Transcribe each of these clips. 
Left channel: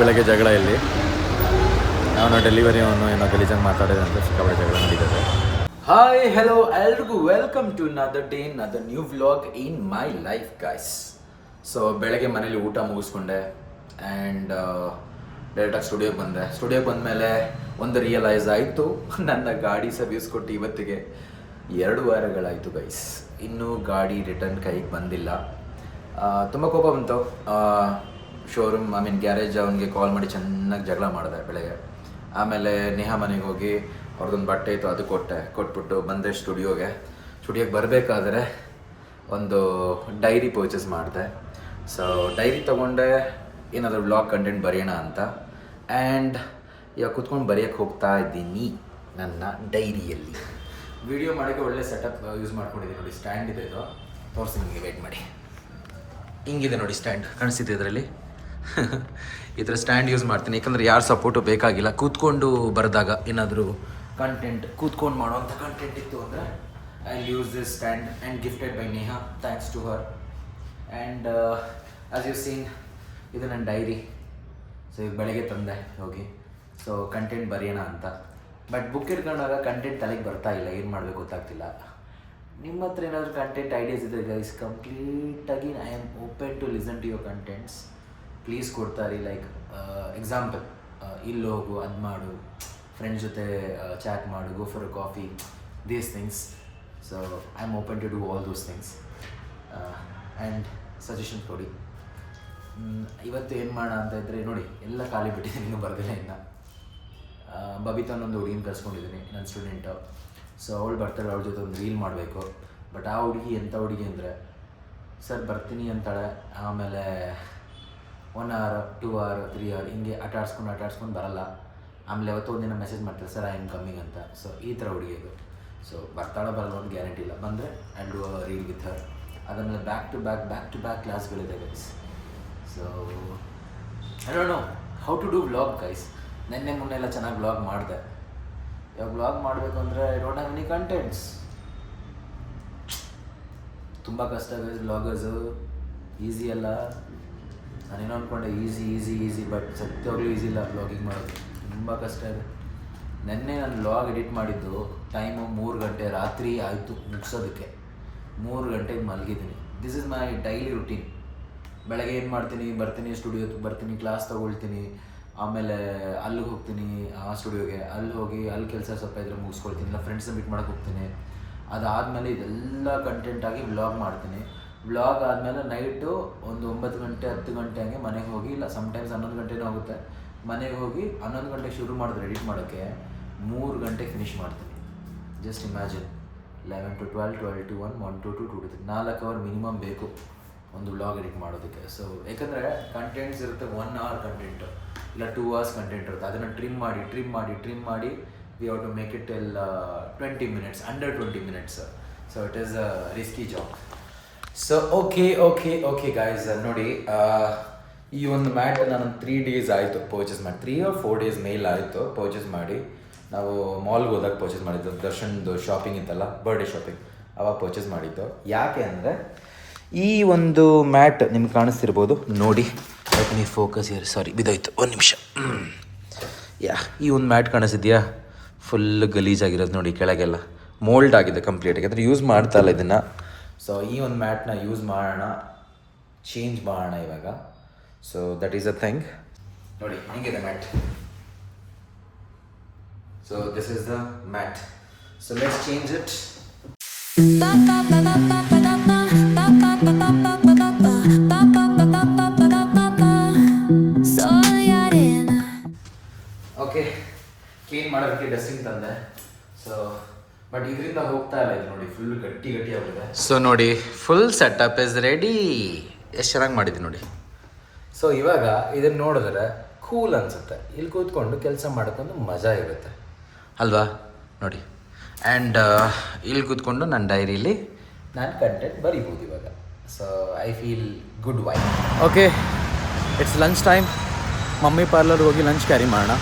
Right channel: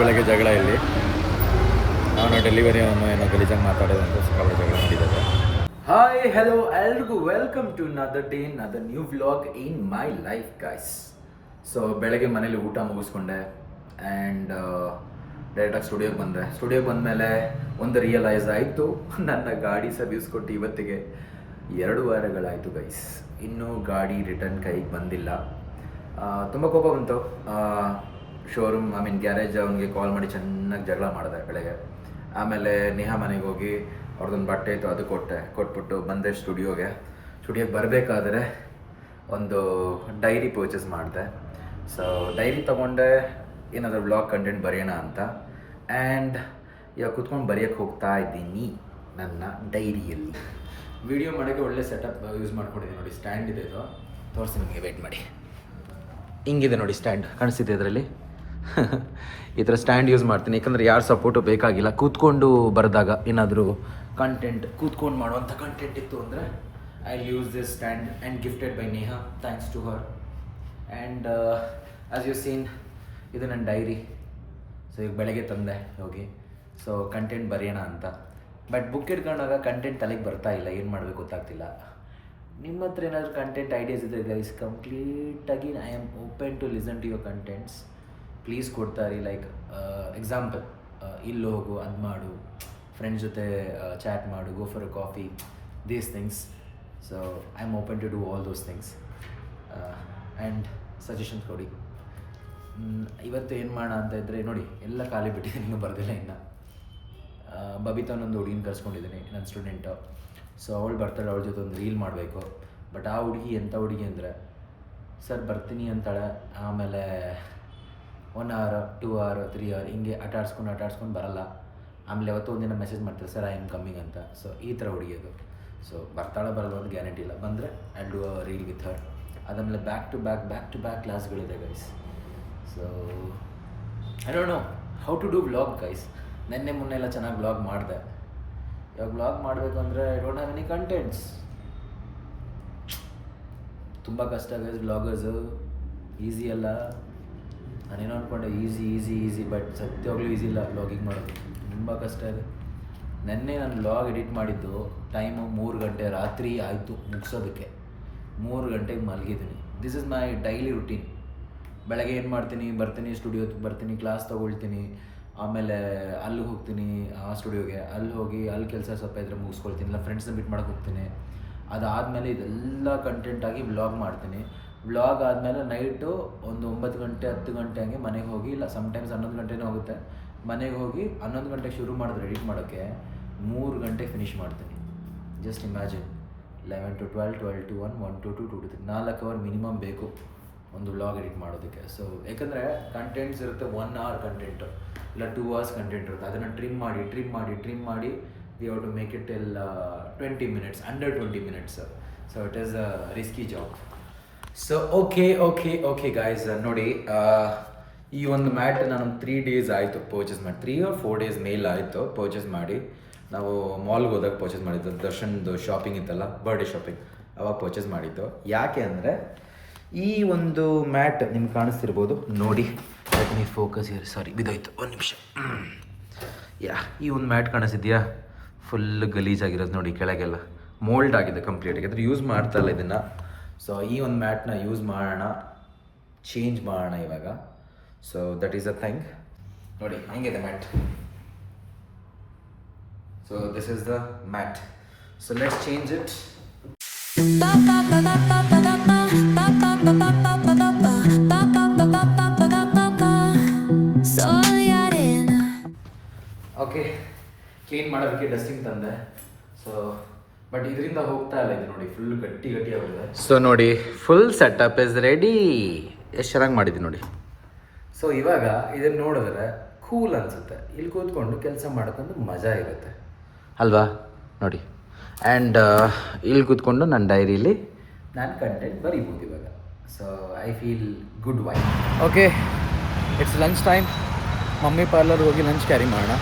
ಬೆಳಗ್ಗೆ ಜಗಳ ಇಲ್ಲಿ ಅವನು ಡೆಲಿವರಿ ಅವನು ಏನೋ ಗಲೀಜಾಗಿ ಮಾತಾಡಿದೆ ಅಂತ ಸಿಕ್ಕಾಪಟ್ಟೆ ಜಗಳ ನಡೀತದೆ. ಹಾಯ್ ಹೆಲೋ ಎಲ್ರಿಗೂ welcome to another day another new vlog in my life guys. So ಬೆಳಗ್ಗೆ ಮನೇಲಿ ಊಟ ಮುಗಿಸ್ಕೊಂಡೆ ಆ್ಯಂಡ್ ಡೈರೆಕ್ಟಾಗಿ ಸ್ಟುಡಿಯೋಗೆ ಬಂದಮೇಲೆ ಒಂದು ರಿಯಲೈಸ್ ಆಯಿತು, ನನ್ನ ಗಾಡಿ ಸರ್ವಿಸ್ ಕೊಟ್ಟು ಇವತ್ತಿಗೆ 2 ವಾರಗಳಾಯಿತು ಗೈಸ್. ಇನ್ನೂ ಗಾಡಿ ರಿಟರ್ನ್ ಕೈಗೆ ಬಂದಿಲ್ಲ. ತುಂಬ ಕೋಪ ಬಂತು. ಶೋರೂಮ್ ಗ್ಯಾರೇಜ್ ಅವನಿಗೆ ಕಾಲ್ ಮಾಡಿ ಚೆನ್ನಾಗಿ ಜಗಳ ಮಾಡಿದೆ ಬೆಳಗ್ಗೆ. ಆಮೇಲೆ ನೇಹಾ ಮನೆಗೆ ಹೋಗಿ ಅವ್ರದ್ದೊಂದು ಬಟ್ಟೆ ಇತ್ತು ಅದು ಕೊಟ್ಬಿಟ್ಟು ಬಂದೆ ಸ್ಟುಡಿಯೋಗೆ ಬರಬೇಕಾದ್ರೆ ಒಂದು ಡೈರಿ ಪರ್ಚೇಸ್ ಮಾಡಿದೆ. ಸೊ ಡೈರಿ ತೊಗೊಂಡೆ ಏನಾದರೂ ವ್ಲಾಗ್ ಕಂಟೆಂಟ್ ಬರೆಯೋಣ ಅಂತ. ಆ್ಯಂಡ್ ಇವಾಗ ಕೂತ್ಕೊಂಡು ಬರೆಯೋಕ್ಕೆ ಹೋಗ್ತಾ ಇದ್ದೀನಿ ನನ್ನ ಡೈರಿಯಲ್ಲಿ. ವಿಡಿಯೋ ಮಾಡೋಕ್ಕೆ ಒಳ್ಳೆ ಸೆಟಪ್ ಯೂಸ್ ಮಾಡ್ಕೊಂಡಿದ್ದೀನಿ ನೋಡಿ. ಸ್ಟ್ಯಾಂಡ್ ಇದೆ, ಇದು ತೋರಿಸಿ ನಿಮಗೆ, ವೆಯ್ಟ್ ಮಾಡಿ. ಹಿಂಗಿದೆ ನೋಡಿ ಸ್ಟ್ಯಾಂಡ್, ಕಾಣಿಸ್ತಿದೆ ಇದರಲ್ಲಿ. ಈ ಥರ ಸ್ಟ್ಯಾಂಡ್ ಯೂಸ್ ಮಾಡ್ತೀನಿ, ಯಾಕಂದರೆ ಯಾರು ಸಪೋರ್ಟು ಬೇಕಾಗಿಲ್ಲ. ಕೂತ್ಕೊಂಡು ಬರೆದಾಗ ಏನಾದರೂ ಕಂಟೆಂಟ್ ಕೂತ್ಕೊಂಡು ಮಾಡುವಂಥ ಕಂಟೆಂಟ್ ಇತ್ತು ಅಂದರೆ I use this stand and gifted by Neha, thanks to her. And as you seen, ಇದು ನನ್ನ ಡೈರಿ. ಸೊ ಈಗ ಬೆಳಗ್ಗೆ ತಂದೆ ಹೋಗಿ. ಸೊ ಕಂಟೆಂಟ್ ಬರೆಯೋಣ ಅಂತ. ಬಟ್ ಬುಕ್ ಇಟ್ಕೊಂಡಾಗ ಕಂಟೆಂಟ್ ತಲೆಗೆ ಬರ್ತಾ ಇಲ್ಲ, ಏನು ಮಾಡಬೇಕು ಗೊತ್ತಾಗ್ತಿಲ್ಲ. ನಿಮ್ಮ ಹತ್ರ ಏನಾದರೂ ಕಂಟೆಂಟ್ ಐಡಿಯಾಸ್ ಇದೆ ಗೈಸ್, ಕಂಪ್ಲೀಟಾಗಿ I am open to listen to your contents. Please ಕೊಡ್ತಾರೆ. ಲೈಕ್ ಎಕ್ಸಾಂಪಲ್, ಇಲ್ಲಿ ಹೋಗು, ಅದು ಮಾಡು, ಫ್ರೆಂಡ್ಸ್ ಜೊತೆ ಚಾಟ್ ಮಾಡು, go for a coffee, these things. So I am open to do all those things and suggestions ಕೊಡಿ. ಇವತ್ತು ಏನು ಮಾಡೋಣ ಅಂತ ಇದ್ದರೆ ನೋಡಿ, ಎಲ್ಲ ಖಾಲಿ ಬಿಟ್ಟಿದ್ದೀನಿ, ಇನ್ನೂ ಬರ್ದಿಲ್ಲ ಇನ್ನು. ಬಬಿತಾನೊಂದು ಹುಡುಗಿನ ಕರ್ಸ್ಕೊಂಡಿದ್ದೀನಿ, ನನ್ನ ಸ್ಟೂಡೆಂಟು. ಸೊ ಅವಳು ಬರ್ತಾಳೆ, ಅವಳ ಜೊತೆ ಒಂದು ರೀಲ್ ಮಾಡಬೇಕು. ಬಟ್ ಆ ಹುಡುಗಿ ಎಂಥ ಹುಡುಗಿ ಅಂದರೆ, ಸರ್ ಬರ್ತೀನಿ ಅಂತಾಳೆ, ಆಮೇಲೆ 1 hour 2 hour 3 hour ಹಿಂಗೆ ಆಟಾಡ್ಸ್ಕೊಂಡು ಬರಲ್ಲ. ಆಮೇಲೆ ಯಾವತ್ತೋ ಒಂದಿನ ಮೆಸೇಜ್ ಮಾಡ್ತಾರೆ, ಸರ್ ಐ ಆಮ್ ಕಮ್ಮಿಂಗ್ ಅಂತ. ಸೊ ಈ ಥರ ಹುಡುಗಿ ಅದು. ಸೊ ಬರ್ತಾಳೆ ಬರಲ್ಲ ಒಂದು ಗ್ಯಾರಂಟಿ ಇಲ್ಲ. ಬಂದರೆ I do a reel with her. ಅದಾದಮೇಲೆ ಬ್ಯಾಕ್ ಟು ಬ್ಯಾಕ್ ಕ್ಲಾಸ್ಗಳಿದೆ guys. So I don't know how to do vlog guys. ನೆನ್ನೆ ಮೊನ್ನೆ ಎಲ್ಲ ಚೆನ್ನಾಗಿ ವ್ಲಾಗ್ ಮಾಡಿದೆ. ಇವಾಗ ವ್ಲಾಗ್ ಮಾಡಬೇಕು ಅಂದರೆ I don't have any contents. ತುಂಬ ಕಷ್ಟ ಗೈಸ್ ವ್ಲಾಗರ್ಸು, ಈಸಿ ಅಲ್ಲ. ನಾನೇನೋ ಅಂದ್ಕೊಂಡೆ ಈಸಿ, ಬಟ್ ಸತ್ಯವಾಗ್ಲೂ ಈಸಿ ಇಲ್ಲ ವ್ಲಾಗಿಂಗ್ ಮಾಡೋದು, ತುಂಬ ಕಷ್ಟ ಇದೆ. ನೆನ್ನೆ ನಾನು ವ್ಲಾಗ್ ಎಡಿಟ್ ಮಾಡಿದ್ದು ಟೈಮು 3 ಗಂಟೆ ರಾತ್ರಿ ಆಯಿತು ಮುಗಿಸೋದಕ್ಕೆ. 3 ಗಂಟೆಗೆ ಮಲಗಿದ್ದೀನಿ. This is my daily routine. ಬೆಳಗ್ಗೆ ಏನು ಮಾಡ್ತೀನಿ, ಬರ್ತೀನಿ, ಸ್ಟುಡಿಯೋಗೆ ಬರ್ತೀನಿ, ಕ್ಲಾಸ್ ತೊಗೊಳ್ತೀನಿ, ಆಮೇಲೆ ಅಲ್ಲಿಗೆ ಹೋಗ್ತೀನಿ, ಆ ಸ್ಟುಡಿಯೋಗೆ ಅಲ್ಲಿ ಹೋಗಿ ಅಲ್ಲಿ ಕೆಲಸ ಸ್ವಲ್ಪ ಇದ್ರೆ ಮುಗಿಸ್ಕೊಳ್ತೀನಿ, ಇಲ್ಲ ಫ್ರೆಂಡ್ಸ್ನ ಮೀಟ್ ಮಾಡೋಕ್ಕೆ ಹೋಗ್ತೀನಿ. ಅದಾದಮೇಲೆ ಇದೆಲ್ಲ ಕಂಟೆಂಟಾಗಿ ವ್ಲಾಗ್ ಮಾಡ್ತೀನಿ. ವ್ಲಾಗ್ ಆದಮೇಲೆ ನೈಟು ಒಂದು 9 ಗಂಟೆ 10 ಗಂಟೆ ಹಂಗೆ ಮನೆಗೆ ಹೋಗಿ, ಇಲ್ಲ ಸಮ್ಟೈಮ್ಸ್ 11 ಗಂಟೆನೂ ಆಗುತ್ತೆ, ಮನೆಗೆ ಹೋಗಿ 11 ಗಂಟೆಗೆ ಶುರು ಮಾಡಿದ್ರೆ ಎಡಿಟ್ ಮಾಡೋಕ್ಕೆ 3 ಗಂಟೆಗೆ ಫಿನಿಷ್ ಮಾಡ್ತೀನಿ. Just imagine, 11 to 12, 12 to 1, 1 to 2, 2 to 3, 4 hour minimum ಬೇಕು ಒಂದು ವ್ಲಾಗ್ ಎಡಿಟ್ ಮಾಡೋದಕ್ಕೆ. ಸೊ ಯಾಕಂದರೆ ಕಂಟೆಂಟ್ಸ್ ಇರುತ್ತೆ, 1 hour ಕಂಟೆಂಟು ಇಲ್ಲ 2 hours ಕಂಟೆಂಟ್ ಇರುತ್ತೆ. ಅದನ್ನು ಟ್ರಿಮ್ ಮಾಡಿ we have to make it till 20 minutes, under 20 minutes. So it is a risky job. So okay guys, ನೋಡಿ ಈ ಒಂದು ಮ್ಯಾಟ್ ನಾನು 3 days ಆಯಿತು ಪರ್ಚೇಸ್ ಮಾಡಿ, 3 or 4 days ಮೇಲ್ ಆಯಿತು ಪರ್ಚೇಸ್ ಮಾಡಿ. ನಾವು ಮಾಲ್ಗೆ ಹೋದಾಗ ಪರ್ಚೇಸ್ ಮಾಡಿದ್ದು, ದರ್ಶನ್ದು ಶಾಪಿಂಗ್ ಇತ್ತಲ್ಲ, ಬರ್ಡೇ ಶಾಪಿಂಗ್, ಅವಾಗ ಪರ್ಚೇಸ್ ಮಾಡಿದ್ದು. ಯಾಕೆ ಅಂದರೆ ಈ ಒಂದು ಮ್ಯಾಟ್ ನಿಮ್ಗೆ ಕಾಣಿಸ್ತಿರ್ಬೋದು ನೋಡಿ. ಲೆಟ್ ಮೀ ಫೋಕಸ್ ಹಿಯರ್, ಸಾರಿ ಬಿದ್ದೋಯ್ತು, 1 ನಿಮಿಷ. ಈ ಒಂದು ಮ್ಯಾಟ್ ಕಾಣಿಸಿದ್ಯಾ, ಫುಲ್ ಗಲೀಜಾಗಿರೋದು ನೋಡಿ, ಕೆಳಗೆಲ್ಲ ಮೋಲ್ಡ್ ಆಗಿದೆ ಕಂಪ್ಲೀಟಾಗಿ, ಯಾಕಂದರೆ ಯೂಸ್ ಮಾಡ್ತಾ ಇಲ್ಲ ಇದನ್ನು. ಸೊ ಈ ಒಂದು ಮ್ಯಾಟ್ನ ಯೂಸ್ ಮಾಡೋಣ, ಚೇಂಜ್ ಮಾಡೋಣ ಇವಾಗ. So that is a thing. ನೋಡಿ ಹೆಂಗಿದೆ mat. So this is the mat. So let's change it. Okay, clean ಮಾಡೋದಕ್ಕೆ ಡಸ್ಟಿಂಗ್ ತಂದೆ. ಸೊ ಬಟ್ ಇದರಿಂದ ಹೋಗ್ತಾ ಇಲ್ಲ ಇದು ನೋಡಿ, ಫುಲ್ ಗಟ್ಟಿ ಆಗಿದೆ. ಸೊ ನೋಡಿ, ಫುಲ್ ಸೆಟಪ್ ಇಸ್ ರೆಡಿ. ಎಷ್ಟು ಚೆನ್ನಾಗಿ ಮಾಡಿದ್ದೀನಿ ನೋಡಿ. ಸೊ ಇವಾಗ ಇದನ್ನು ನೋಡಿದ್ರೆ ಕೂಲ್ ಅನಿಸುತ್ತೆ, ಇಲ್ಲಿ ಕೂತ್ಕೊಂಡು ಕೆಲಸ ಮಾಡೋಕ್ಕೊಂದು ಮಜಾ ಇರುತ್ತೆ ಅಲ್ವಾ ನೋಡಿ. ಆ್ಯಂಡ್ ಇಲ್ಲಿ ಕೂತ್ಕೊಂಡು ನನ್ನ ಡೈರಿಲಿ ನಾನು ಕಂಟೆಂಟ್ ಬರೀಬೋದು ಇವಾಗ. So I feel good why. Okay, it's lunch time. Mummy ಪಾರ್ಲರ್ಗೆ ಹೋಗಿ ಲಂಚ್ ಕ್ಯಾರಿ ಮಾಡೋಣ.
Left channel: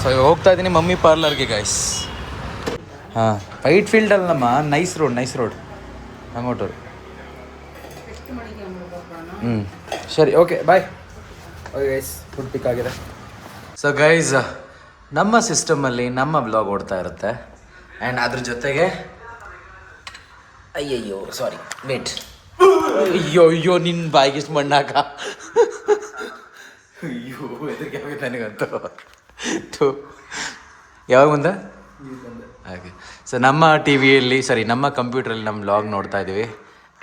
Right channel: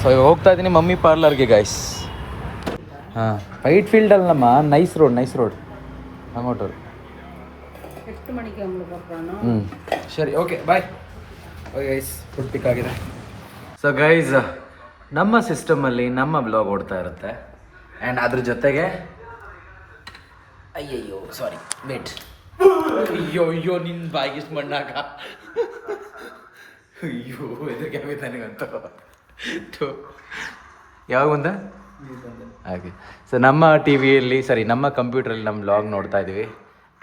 ಸೊ ಇವಾಗ ಹೋಗ್ತಾ ಇದ್ದೀನಿ ಮಮ್ಮಿ ಪಾರ್ಲರ್ಗೆ ಗೈಸ್. ಹಾಂ, ವೈಟ್ ಫೀಲ್ಡ್ ಅಲ್ಲಮ್ಮ, ನೈಸ್ ರೋಡ್ ಹಂಗೋಟರು. ಸರಿ, okay bye. Okay guys food pick ಆಗಿದೆ. ಸೊ ಗೈಸ್ ನಮ್ಮ ಸಿಸ್ಟಮಲ್ಲಿ ನಮ್ಮ ಬ್ಲಾಗ್ ಓಡ್ತಾ ಇರುತ್ತೆ ಆ್ಯಂಡ್ ಅದ್ರ ಜೊತೆಗೆ ಅಯ್ಯಯ್ಯೋ ಸಾರಿ ವೇಟ್ ಅಯ್ಯೋ ನಿನ್ನ ಬಾಯಿಗೆ ಮಣ್ಣಾಕ ಅಯ್ಯೋ ಎದುರಿಗೆ ಆಗುತ್ತೆ ನನಗಂತೂ ಯಾವಾಗ ಬಂದ ಹಾಗೆ. ಸೊ ನಮ್ಮ ಟಿ ವಿಯಲ್ಲಿ ನಮ್ಮ ಕಂಪ್ಯೂಟ್ರಲ್ಲಿ ನಮ್ಮ ಬ್ಲಾಗ್ ನೋಡ್ತಾ ಇದ್ದೀವಿ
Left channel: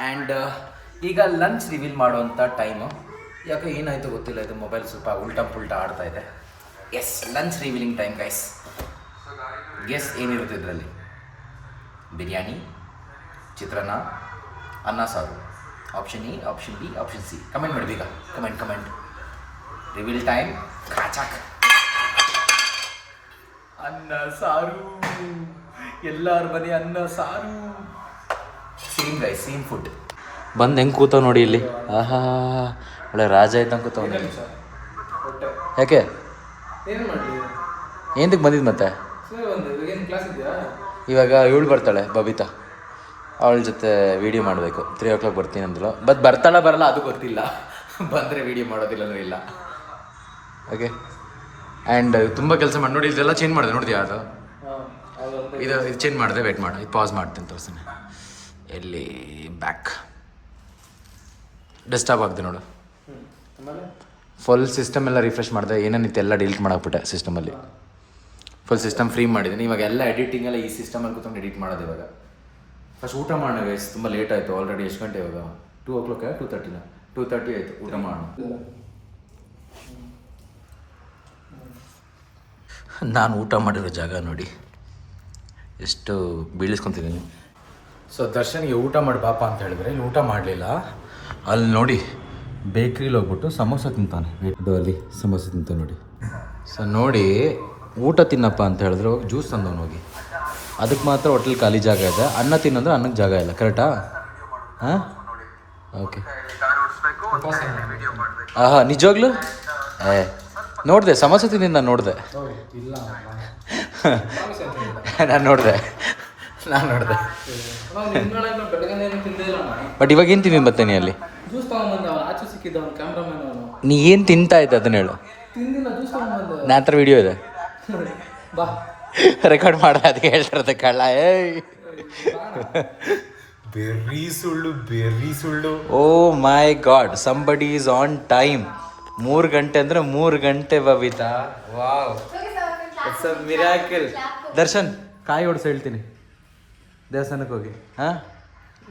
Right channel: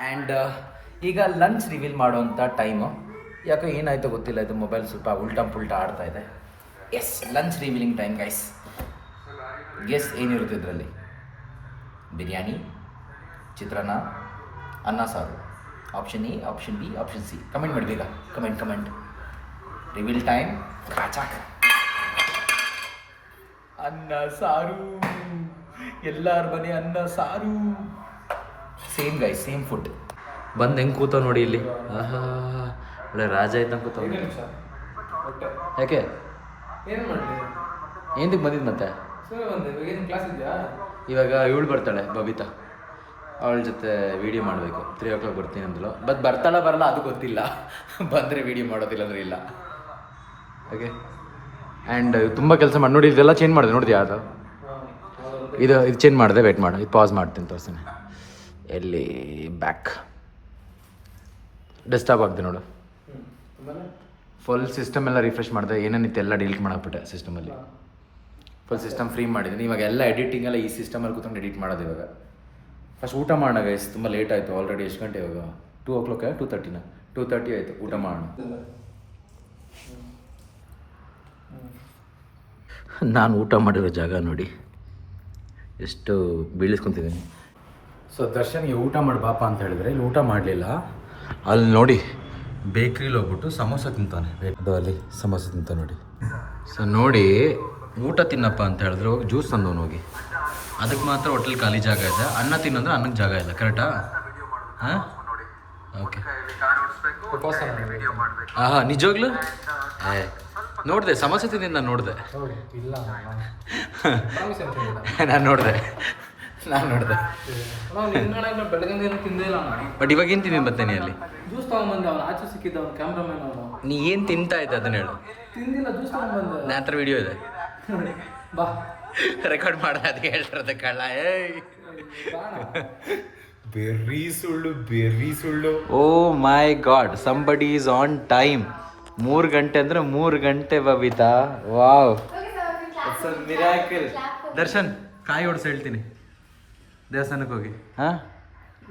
ಆ್ಯಂಡ್ ಈಗ ಲಂಚ್ ರಿವೀಲ್ ಮಾಡುವಂಥ ಟೈಮು. ಯಾಕೆ ಏನಾಯಿತು ಗೊತ್ತಿಲ್ಲ, ಇದು ಮೊಬೈಲ್ ಸ್ವಲ್ಪ ಉಲ್ಟಾ ಪುಲ್ಟಾ ಆಡ್ತಾ ಇದೆ. Yes lunch revealing time guys. Guess ಏನಿರುತ್ತೆ ಇದರಲ್ಲಿ? ಬಿರಿಯಾನಿ, ಚಿತ್ರಾನ್ನ, ಅನ್ನ ಸಾರು. Option A, option B, option C. Comment ಮಾಡಿ ಬೇಗ, ಕಮೆಂಟ್. Reveal time. ಕಾಚಾಕ್ ಅನ್ನ ಸಾರು, ಎಲ್ಲರ ಮನೆ ಅನ್ನ ಸಾರು. Same guys, same food. ಬಂದು ಹೆಂಗೆ ಕೂತಾವ ನೋಡಿ ಇಲ್ಲಿ. ಆಹಾ ಒಳ್ಳೆ ರಾಜ ಇದ್ದಂಗೆ ಕೂತಾವ. ಯಾಕೆ ಏನು ಮಾಡಲಿ, ಏನಕ್ಕೆ ಬಂದಿದ್ದು ಮತ್ತೆ? ಏನು ಕ್ಲಾಸ್ ಇದೆಯಾ? ಇವಾಗ ಇವಳು ಬರ್ತಾಳೆ ಬಬಿತಾ, ಅವಳ ಜೊತೆ ವೀಡಿಯೋ ಮಾಡಬೇಕು. 3 o'clock ಬರ್ತೀನಿ ಅಂದಳು. ಬರ್ತಾಳೆ ಬರಲ್ಲ ಅದು ಗೊತ್ತಿಲ್ಲ. ಬಂದರೆ ವೀಡಿಯೋ ಮಾಡೋದಿಲ್ಲ ಅಂದರೆ ಇಲ್ಲ. ಓಕೆ ಆ್ಯಂಡ್ ತುಂಬ ಕೆಲಸ ಮಾಡಿ ನೋಡಿ. ಇದೆಲ್ಲ ಚೇಂಜ್ ಮಾಡಿದೆ ನೋಡಿದ್ಯಾ? ಅದು ಇದು ಚೇಂಜ್ ಮಾಡಿದೆ. ವೇಟ್ ಮಾಡು, ಇದು ಪಾಸ್ ಮಾಡ್ತೀನಿ ತೋರಿಸ್ತೀನಿ. ಎಲ್ಲಿ ಬ್ಯಾಕ್ ಡೆಸ್ಕ್ಟಾಪ್ ಆಗಿದೆ ನೋಡು. ಫುಲ್ ಸಿಸ್ಟಮ್ ಎಲ್ಲ ರಿಫ್ರೆಶ್ ಮಾಡಿದೆ. ಏನೇನಿತ್ತು ಎಲ್ಲ ಡಿಲೀಟ್ ಮಾಡಾಕ್ಬಿಟ್ಟೆ ಸಿಸ್ಟಮಲ್ಲಿ. ಫುಲ್ ಸಿಸ್ಟಮ್ ಫ್ರೀ ಮಾಡಿದ್ದೀನಿ. ಇವಾಗ ಎಲ್ಲ ಎಡಿಟಿಂಗ್ ಎಲ್ಲ ಈ ಸಿಸ್ಟಮಲ್ಲಿ ಕೂತ್ಕೊಂಡು ಎಡಿಟ್ ಮಾಡೋದು. ಇವಾಗ ಫಸ್ಟ್ ಊಟ ಮಾಡೋಣ ಗೈಸ್, ತುಂಬ ಲೇಟ್ ಆಯಿತು ಆಲ್ರೆಡಿ. ಎಷ್ಟು ಗಂಟೆ ಇವಾಗ? 2 o'clock 2:30 ಆಯಿತು. ಊಟ ಮಾಡೋಣ. ನಾನು ಊಟ ಮಾಡಿರೋ ಜಾಗ ನೋಡಿ ಎಷ್ಟು ಬೀಳಿಸ್ಕೊತಿದ್ದೀನಿ. ಸೊ ದರ್ಶನ್ಗೆ ಊಟ ಮಾಡಿ ಪಾಪ ಅಂತ ಹೇಳಿದ್ರೆ ಇಲ್ಲಿ ಊಟ ಮಾಡಲಿಲ್ಲ. ಅಲ್ಲಿ ನೋಡಿ ಬೇಕ್ರಿಲಿ ಹೋಗ್ಬಿಟ್ಟು ಸಮೋಸ ತಿಂತಾನೆ. ಅದು ಅಲ್ಲಿ ಸಮೋಸ ತಿಂತ ನೋಡಿ. ಸೊ ನೋಡಿ ಊಟ ತಿನ್ನಪ್ಪ ಅಂತ ಹೇಳಿದ್ರು ಜ್ಯೂಸ್ ತಂದವನು ಹೋಗಿ. ಅದಕ್ಕೆ ಮಾತ್ರ ಹೋಟೆಲ್ ಖಾಲಿ ಜಾಗ ಇದೆ. ಅನ್ನ ತಿನ್ನೋದ್ರೆ ಅನ್ನಕ್ಕೆ ಜಾಗ ಇಲ್ಲ. ಕರೆಕ್ಟಾ? ಹಾಂ ಓಕೆ. ಆಹಾ ನಿಜವಾಗ್ಲೂ ನೋಡಿದೆ ಸಮೋಸ ತಿಂದಿದ್ದು ನಾನು ನೋಡಿದೆ. ನಾನು ನೋಡಿದೆ ಬಟ್ ಇವಾಗ ಏನು ತಿಂದಿದ್ದು ಮತ್ತೆ ನೀ ಅಲ್ಲಿ? ಜ್ಯೂಸ್ ತಗೊಂಡ್ಬಂದ, ಆಚೆ ಸಿಕ್ಕಿದ್ದ ಅವ್ನು ಕ್ಯಾಮ್ರಾಮನ್ ಅವನು. ನೀ ಏನು ತಿಂತಾ ಇದ್ದ ಅದನ್ನ ಹೇಳು. ತಿಂದಿಲ್ಲ, ಜ್ಯೂಸ್ ತಗೊಂಡ್ಬಂದ. ನನ್ನ ಹತ್ರ ವಿಡಿಯೋ ಇದೆ, ಬಾ ರೆಕಾರ್ಡ್ ಮಾಡ. ಅದಕ್ಕೆ ಹೇಳ್ತಿರೋದು ಕಳ್ಳ. ಬೆರ್ರಿ ಸುಳ್ಳು. Oh my god, somebody is on time. 3 ಗಂಟೆ ಅಂದರೆ 3 ಗಂಟೆ Babita. Wow, it's a miracle. Darshan ಕಾಯಿ ಹೊಡ್ಸ ಹೇಳ್ತೀನಿ ದೇವಸ್ಥಾನಕ್ಕೆ ಹೋಗಿ. ಹಾಂ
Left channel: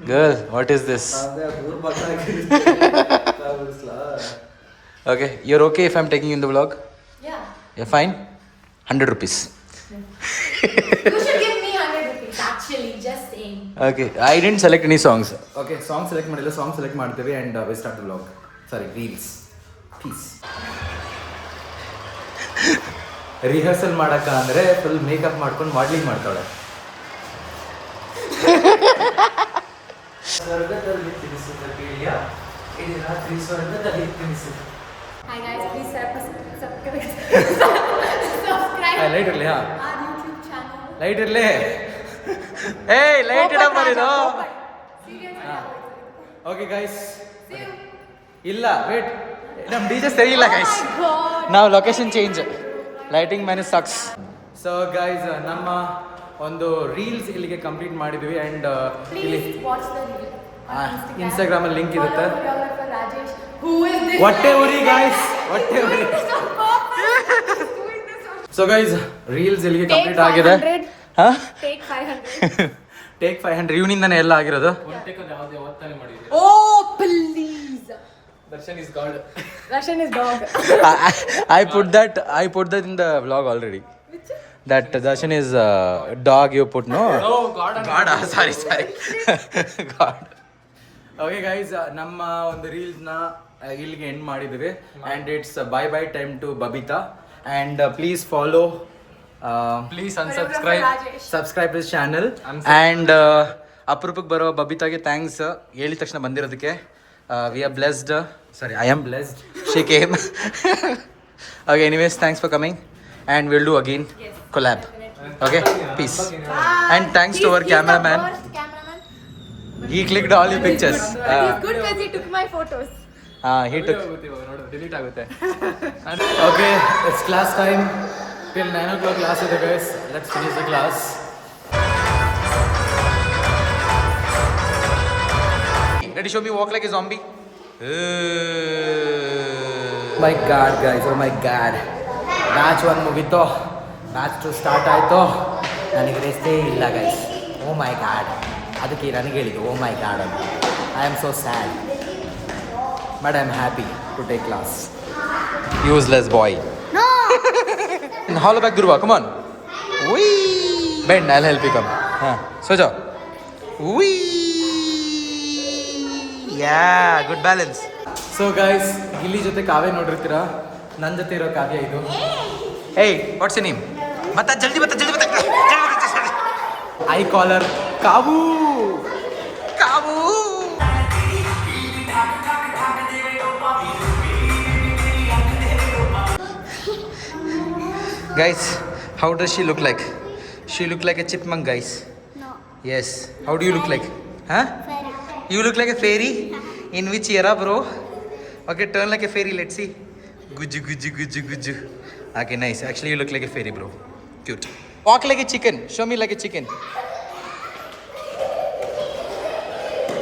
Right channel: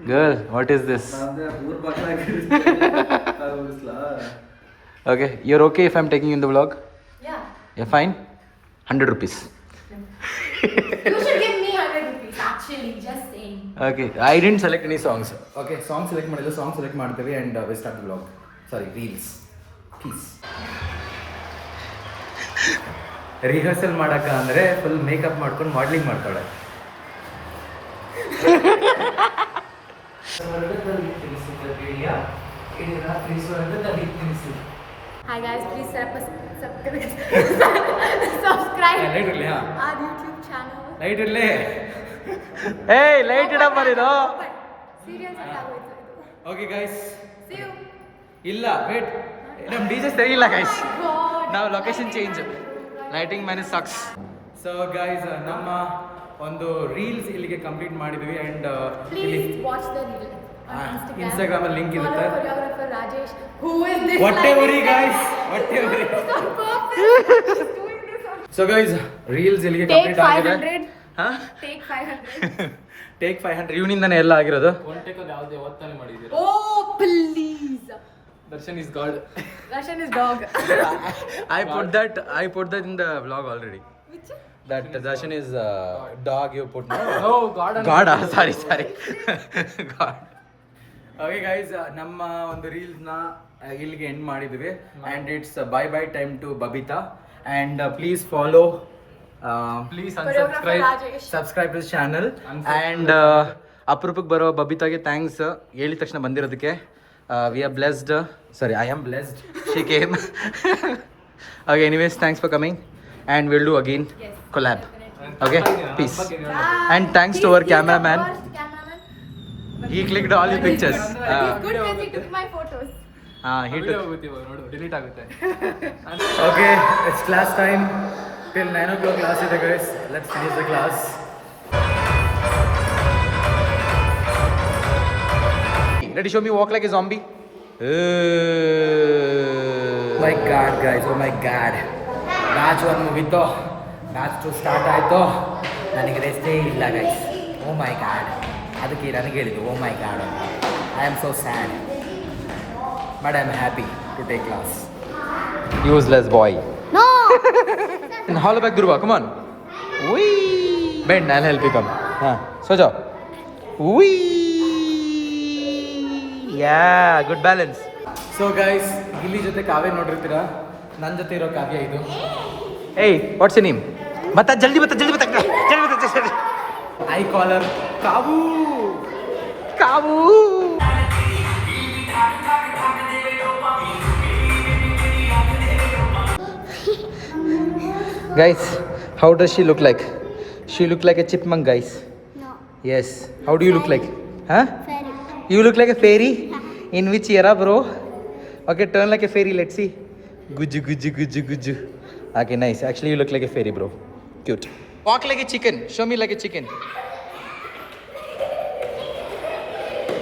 girl, what is this? Okay, you're okay if I'm taking you in the vlog? Yeah. You're fine? 100 rupees. You should give me 100 rupees, actually, just saying. Okay, I didn't select any songs. Okay, song select ಮಾಡಿಲ್ಲ. Song select ಮಾಡ್ತೇವೆ and we start the vlog. Sorry, reels. Peace. Rehearsal ಮಾಡಕ್ಕ ಅಂದರೆ full makeup ಮಾಡ್ಕೊಂಡು modelling ಮಾಡ್ತಾಳೆ. Hi guys, please subscribe light ಇರಲಿ. our YouTube channel. Light ಇರಲಿ. ಏಯ್ light ಇಡ ಬರೀದು. Seriously, okay guys, see you. ಇಲ್ಲ ವೇಟ್, ನಮ್ಮ ಡಿಜೆ ಸರಿ ಇಲ್ಲ ಗೈಸ್. ನಾವು location change. Lighting man sucks. So guys, ನಮ್ಮ ಒಂದು ರೀಲ್ಸ್ ಇಲ್ಲಿಗೆ ಕಂಪ್ಲೀಟ್ ಮಾಡಿದ್ವಿ and Please watch the reel on Instagram. Instagram ಅಲ್ಲಿ ಲಿಂಕ್ ಇರುತ್ತೆ. Follow choreographer Rajesh. Who is this? ಹೊಟ್ಟೆ ಉರಿ ಗೈಸ್, ಹೊಟ್ಟೆ ಉರಿ. ಸೊ ಗೈಸ್, ರೀಲ್ಸ್ ಇಲ್ಲಿಗೆ ಕಂಪ್ಲೀಟ್ ಆಗಿದೆ. ಹಾಂ, Take 500. ಟೇಕ್ 500 ಇವನಿಂದನೇ ಎಲ್ಲ ಆಗಿರೋದು. ಒನ್ ಟೇಕ್ ಅಲ್ಲಿ ಯಾವುದೇ ಒತ್ತಾನೆ ಮಾಡಿದ್ದೀರಿ? Oh please. Darshan is god. Russian is dog. I put that in the vlog already. Which? That Darshan is dog you put, no? Oh God. God, sorry. God. Okay guys, ನಮ್ಮ ಒಂದು ರೀಲ್ಸ್ನ ಇಲ್ಲಿಗೆ end ಮಾಡಿದ್ವಿ and it's bye time to Babita and please follow, please subscribe this channel and ಅಪರೂಪಕ್ಕೆ ಬರೋ ಬಬಿತಾಗೆ thanks ಹೇಳಿದ ತಕ್ಷಣ ಬಂದಿರೋದಕ್ಕೆ. We are blessed. Sorry, I am blessed. She came. Okay, anyways, thanks for coming. And we'll do again collab. Okay, peace. And thanks to our cameraman. He clicked all your pictures. Good because he took my photos. Hit ಹೋಗುತ್ತೆ ಇವಾಗ ನೋಡು delete ಆಗುತ್ತೆ. Okay it's class time. Till 9 o'clock class ಇದೆ guys. Let's finish the class. Ready, show me walk like a zombie. My God, guys, oh my God. Match 1 ಮುಗೀತು, match 2 start ಆಯಿತು. ನನಗೆ ರೆಸ್ಟೇ ಇಲ್ಲ guys. O my god, ಅದಕ್ಕೆ ನನಗೆ ಹೇಳಿದ್ದು oh my God ಅಂತ. I am so sad but I am happy to take class. Useless boy. In hollow back Dhruva, come on. Wee. Bend, I'll help you come. So jaao. Wee. Yeah, good balance. So guys, Gilli ಜೊತೆ ಕಾವ್ಯ ನೋಡಿರ್ತೀರಾ, ನನ್ನ ಜೊತೆ ಇರೋ ಕಾವ್ಯ ಇದು. Hey, what's your name? ಬತ್ತ ಜಲ್ದಿ ಬತ್ತ. I call her ಕಾವು. Guys, how does she look like? She look like a chipmunk, guys. No. Yes. How do you look like? Huh? Fairy. You look like a fairy? In which era, bro? Okay, turn like a fairy. Let's see. Guju. Okay, nice. Actually, you look like a fairy, bro. Cute. Walk like a chicken. Show me like a chicken.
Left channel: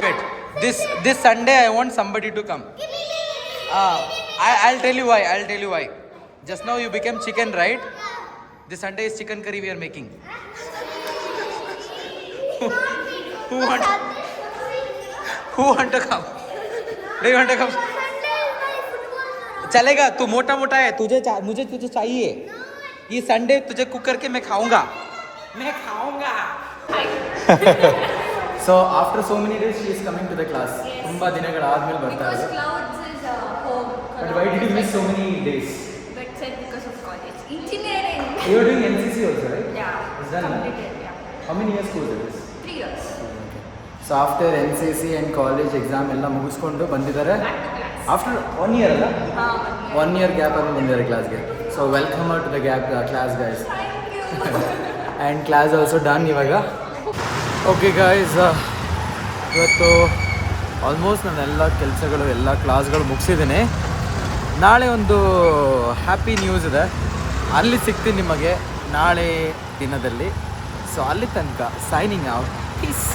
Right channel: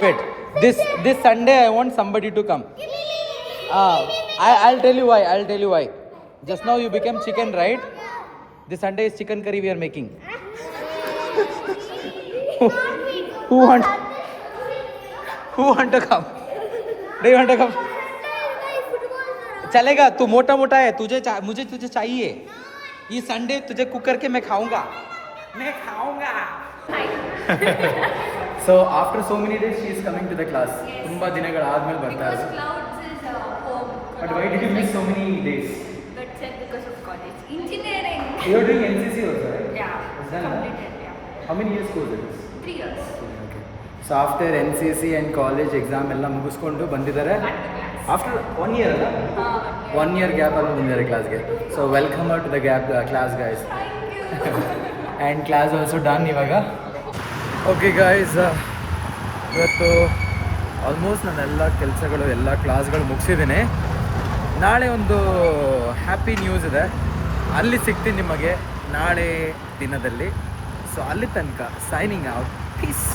Wait. This Sunday, I want somebody to come. I'll tell you why. Just now you became chicken, right? This Sunday is chicken curry we are making. Who want to come? Do you want to come? चलेगा, तू मोटा है, मुझे तुझे चाहिए. ये Sunday तुझे cook करके मैं खाऊंगा. So after so many days she is coming to the class. ತುಂಬಾ ದಿನಗಳ ಆದ್ಮೇಲೆ ಬರ್ತಾ ಇರೋದು. Clouds is home. But why did you miss so many days? But said because of college. Engineering. You're doing NCC also, right? Yeah. Is that Completed, yeah. How many years course it is? 3 years. Okay. So after NCC and college exam ಎಲ್ಲ ಮುಗಿಸ್ಕೊಂಡು ಬಂದಿದ್ದಾರೆ. Back to class. After 1 year ಅಲ್ಲ? 1 year gap ಅಲ್ಲಿ ಬಂದಿದ್ದಾರೆ ಕ್ಲಾಸ್ಗೆ. So welcome to the gap class guys. And class also done ಇವಾಗ. Okay guys, ಇವತ್ತು almost ನಾನೆಲ್ಲ ಕೆಲಸಗಳು ಎಲ್ಲ ಕ್ಲಾಸ್ಗಳು ಮುಗಿಸಿದ್ದೀನಿ. ನಾಳೆ ಒಂದು ಹ್ಯಾಪಿ ನ್ಯೂಸ್ ಇದೆ, ಅಲ್ಲಿ ಸಿಗ್ತೀನಿ ನಿಮಗೆ ನಾಳೆ ದಿನದಲ್ಲಿ. ಸೊ ಅಲ್ಲಿ ತನಕ ಸೈನಿಂಗ್ ಔಟ್. ಪೀಸ್.